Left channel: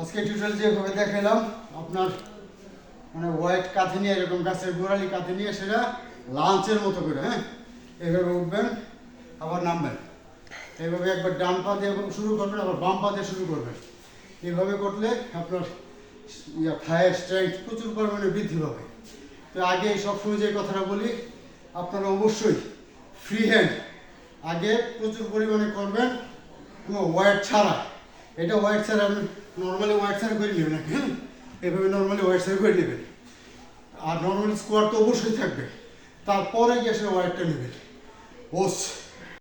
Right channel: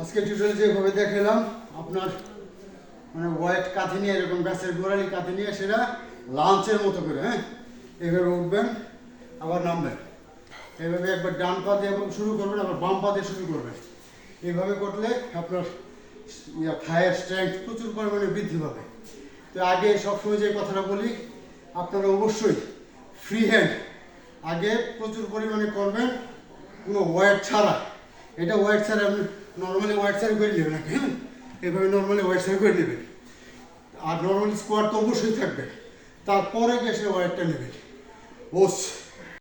আজকে টিউটোরিয়াল যেভাবে দেখালাম আপনার মানে ওয়েট কাঁথি নিয়ে এরকম গাছের গোড়ালি কাঁথি নিয়ে সেটা লাঞ্চের মতো করে এইভাবে উঠবেন আবার নামবেন, এইভাবে একবার ডান পা দিয়ে শুরু করবেন আবার বাম পা দিয়ে শুরু করবেন। এইভাবে করলে আপনার থায়ের স্ট্রেংথ প্রচুর পরিমাণে বৃদ্ধি পাবে। তো আগে সবসময় যে কথাটা বলি, আপনারা অবশ্যই ফ্রি হ্যান্ড আগে প্রচুর পরিমাণে করবেন, কোনো ওয়েট ছাড়া। এটা ওয়েট ছাড়া আপনি নর্মালি ওয়েট ছাড়া করে নেবেন, এভাবে নর্মালি ওয়েট ছাড়া করে নেবেন। আর নর্মালি স্কোয়াড তো অবশ্যই থাকবে, তারপরে গিয়ে সে ওয়েটটা নেবেন। বস